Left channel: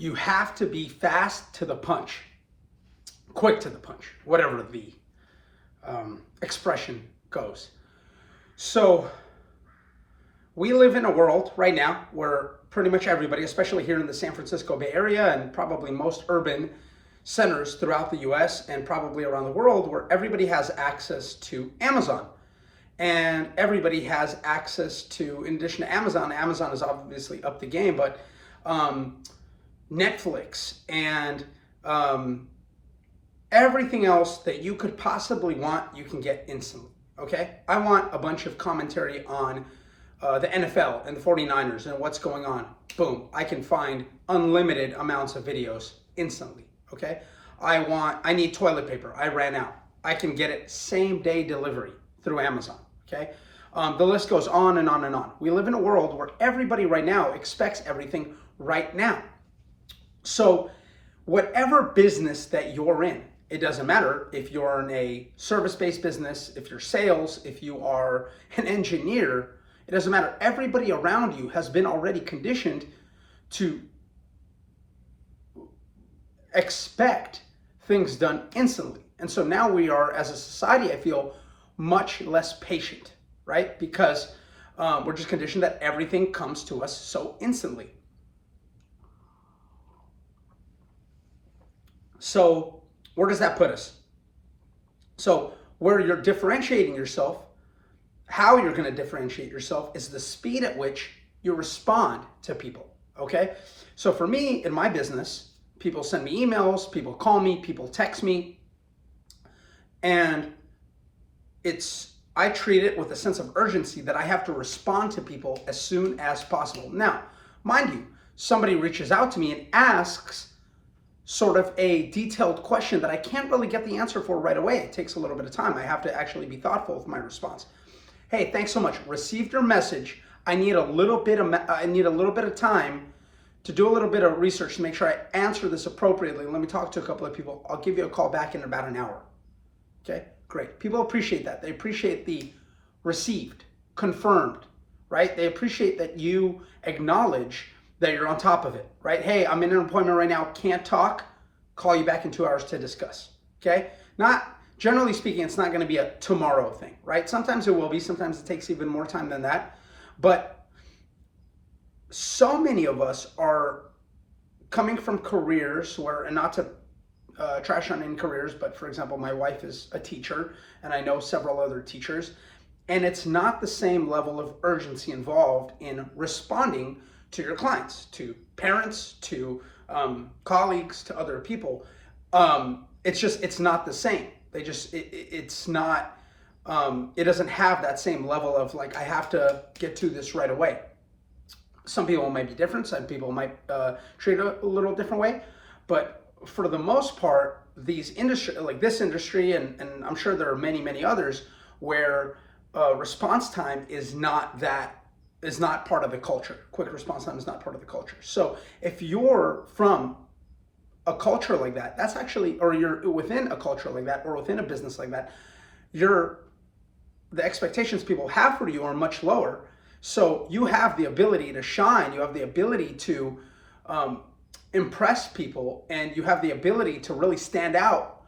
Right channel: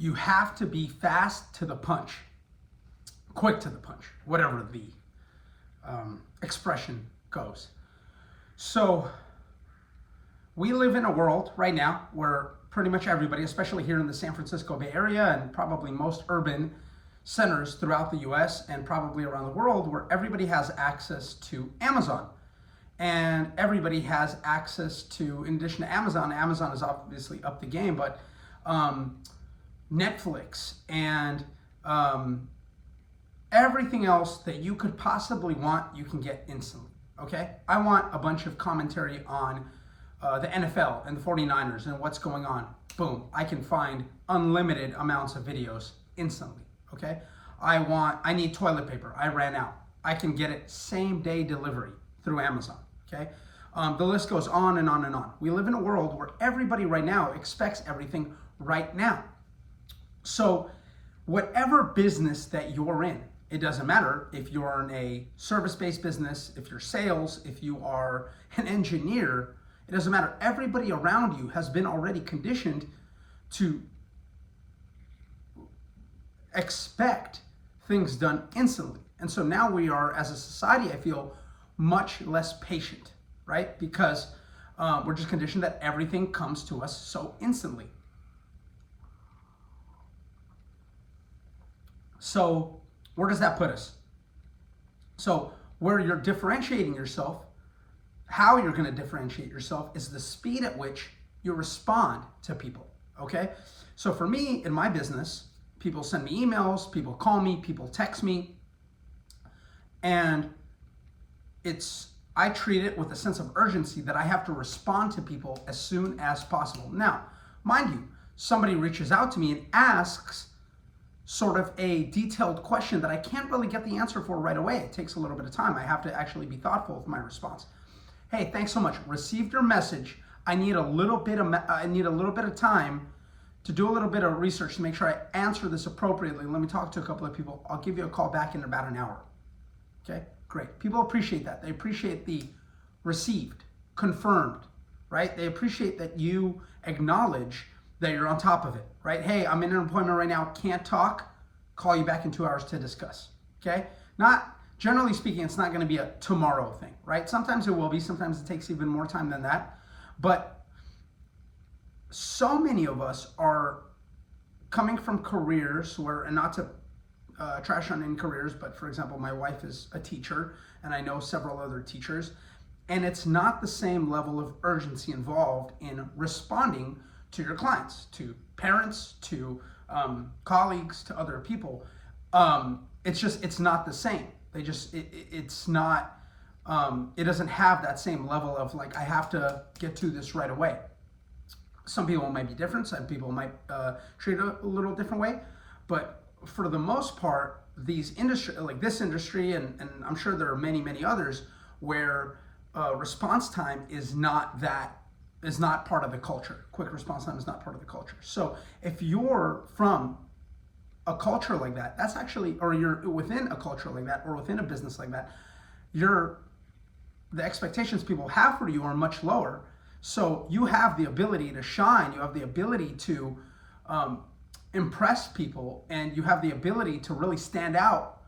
you have to be fast to the punch, quick to the punch, whatever the expression goes. So we live in a world right now where pretty much everybody, especially here in the San Francisco Bay Area and probably most urban centers throughout the US and probably around the world, where everybody has access to Amazon. And everybody has access to, in addition to Amazon, Amazon is obviously up the game, but Netflix and everything else that you could possibly want, you can get instantly, okay? I want a bunch of commentary on the NFL and the 49ers and what's going on. Boom, I can find unlimited amounts of videos instantly, okay? I need toilet paper, I ran out. I can get it same day delivery through Amazon, okay? The list goes on and on and on. We live in a world where everybody right now expects everything right now. So whatever business that you're in, it doesn't matter if you're in a service-based business, if you're sales, if you are an engineer, it doesn't matter. Everybody around you has been already conditioned to expect things done instantly. And so now we are, as a society, I feel, much less patient, right? Because we're just conditioned that everything comes to us so instantly. So where does that put us? So where you're differentiating yourself, how you're going to differentiate yourself is the speed at which you respond to people, okay? So for me, in my business, people send me emails, people call me, people text me, and I treat it with a sense of urgency that I have to respond to people as soon as possible. Now, mind you, somebody reaches out to me and asks sort of a detailed question that I can't really get the answer for right away. It takes a little bit of time. I have to actually be thoughtful with my response. Hey, thanks so much. Received your message. I need a little bit of time to do a little bit of research to make sure I answer this appropriately. Let me talk to a couple of people. I'll give you a call back in about an hour. Okay, great. People appreciate that. They appreciate the received, confirmed, right? They appreciate that you acknowledge that you're on top of it, right? Hey, I'm in an appointment right now, can't talk, call you back in 2 hours to discuss, okay? Generally speaking, it's not going to be a tomorrow thing, right? Sometimes it will be, sometimes it takes even more time than that, but so many of us are coming from careers where, and not to trash on any careers, but for example, my wife is a teacher, and I know several other teachers, and it's not the same level of urgency involved in responding to your clients, to parents, to colleagues, to other people. It's not the same. It's not, it doesn't have that same level of like, I have to get to this right away. Some people might be different. Some people might treat it a little different way. But for the most part, these industry, like this industry, and I'm sure there are many, many others where response time is not part of the culture. Quick response time is not part of the culture. So if you're from a culture like that, that's actually, or you're within a culture like that, or within a business like that, the expectations people have for you are much lower. So you have the ability to shine, you have the ability to impress people, and you have the ability to really stand out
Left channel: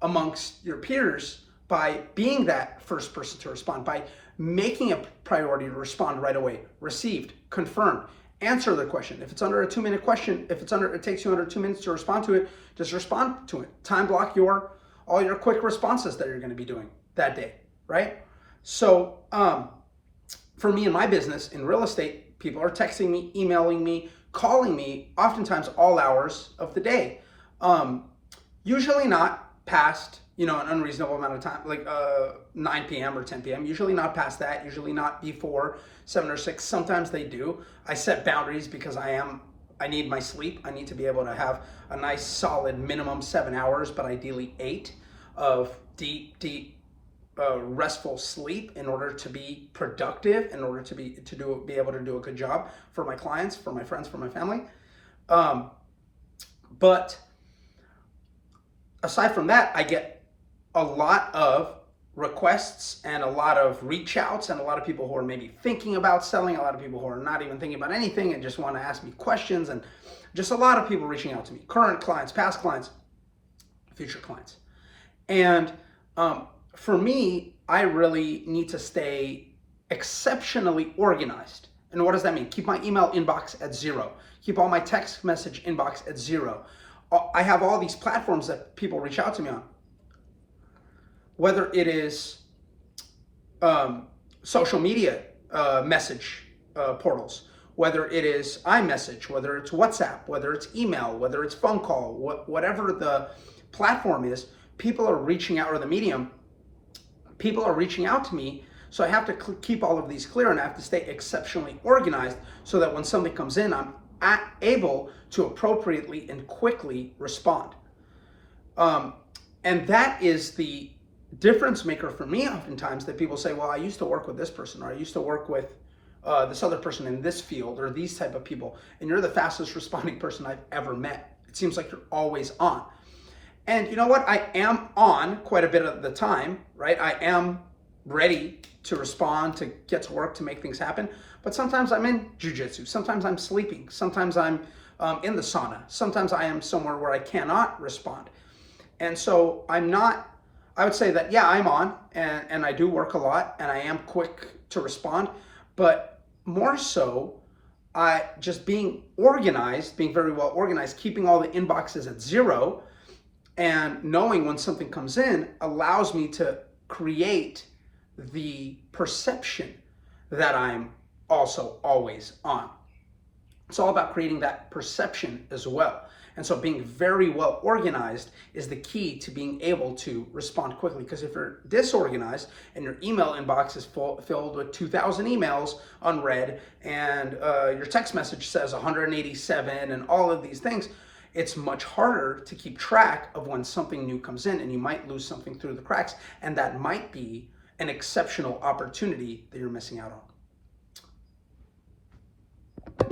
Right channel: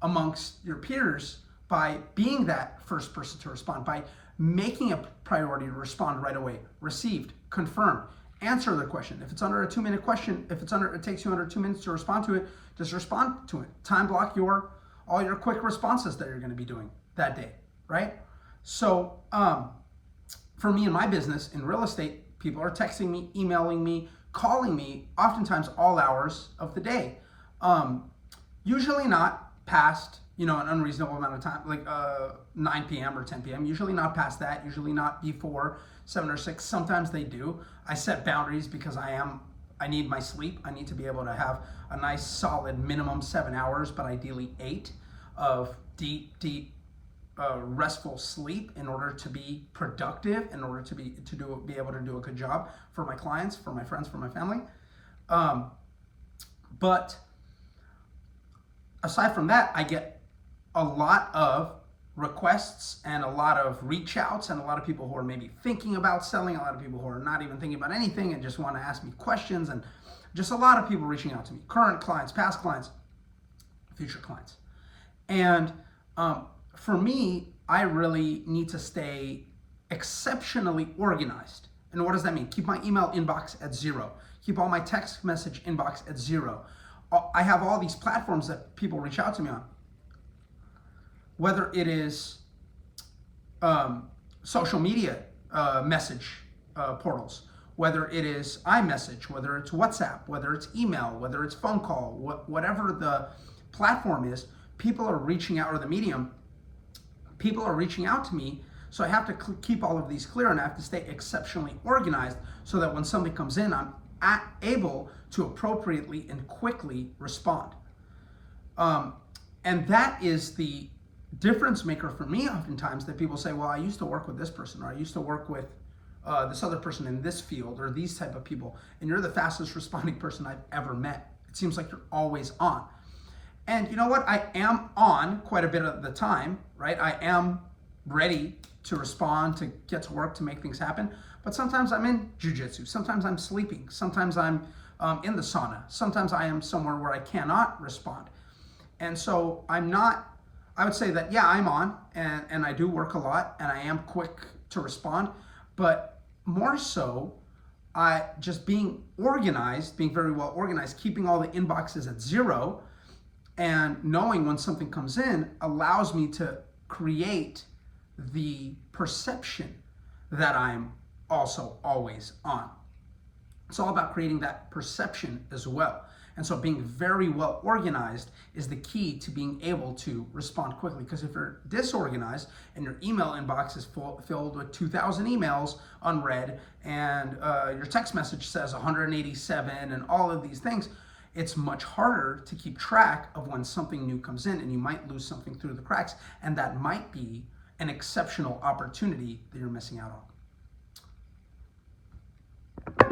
amongst your peers by being that first person to respond, by making a priority to respond right away. Received, confirmed, answer the question. If it's under a 2-minute question, it takes you under 2 minutes to respond to it, just respond to it. Time block all your quick responses that you're going to be doing that day, right? So for me in my business, in real estate, people are texting me, emailing me, calling me, oftentimes all hours of the day. Usually not past, an unreasonable amount of time, like 9 p.m. or 10 p.m. Usually not past that, usually not before 7 or 6. Sometimes they do. I set boundaries because I need my sleep. I need to be able to have a nice solid minimum 7 hours, but ideally 8 of deep, restful sleep in order to be productive, in order to be able to do a good job for my clients, for my friends, for my family. But aside from that, I get a lot of requests and a lot of reach outs, and a lot of people who are maybe thinking about selling, a lot of people who are not even thinking about anything and just want to ask me questions, and just a lot of people reaching out to me, current clients, past clients, future clients. And for me, I really need to stay exceptionally organized. And what does that mean? Keep my email inbox at 0. Keep all my text message inbox at 0. I have all these platforms that people reach out to me on. Whether it is social media message portals, whether it is iMessage, whether it's WhatsApp, whether it's email, whether it's phone call, whatever the platform is, people are reaching out, or the medium, people are reaching out to me. So I have to keep all of these clear, and I have to stay exceptionally organized so that when something comes in, I'm able to appropriately and quickly respond. And that is the difference maker for me oftentimes, that people say, well, I used to work with this person, or I used to work with this other person in this field, or these type of people, and you're the fastest responding person I've ever met. It seems like you're always on. And you know what? I am on quite a bit of the time, right? I am ready to respond, to get to work, to make things happen. But sometimes I'm in jujitsu. Sometimes I'm sleeping. Sometimes I'm in the sauna. Sometimes I am somewhere where I cannot respond. And so I'm not, I would say that, yeah, I'm on, and I do work a lot, and I am quick to respond. But more so, I just being organized, being very well organized, keeping all the inboxes at 0, and knowing when something comes in allows me to create the perception that I'm also always on. It's all about creating that perception as well. And so being very well organized is the key to being able to respond quickly. Because if you're disorganized and your email inbox is filled with 2,000 emails unread, and your text message says 187 and all of these things, it's much harder to keep track of when something new comes in, and you might lose something through the cracks, and that might be an exceptional opportunity that you're missing out on.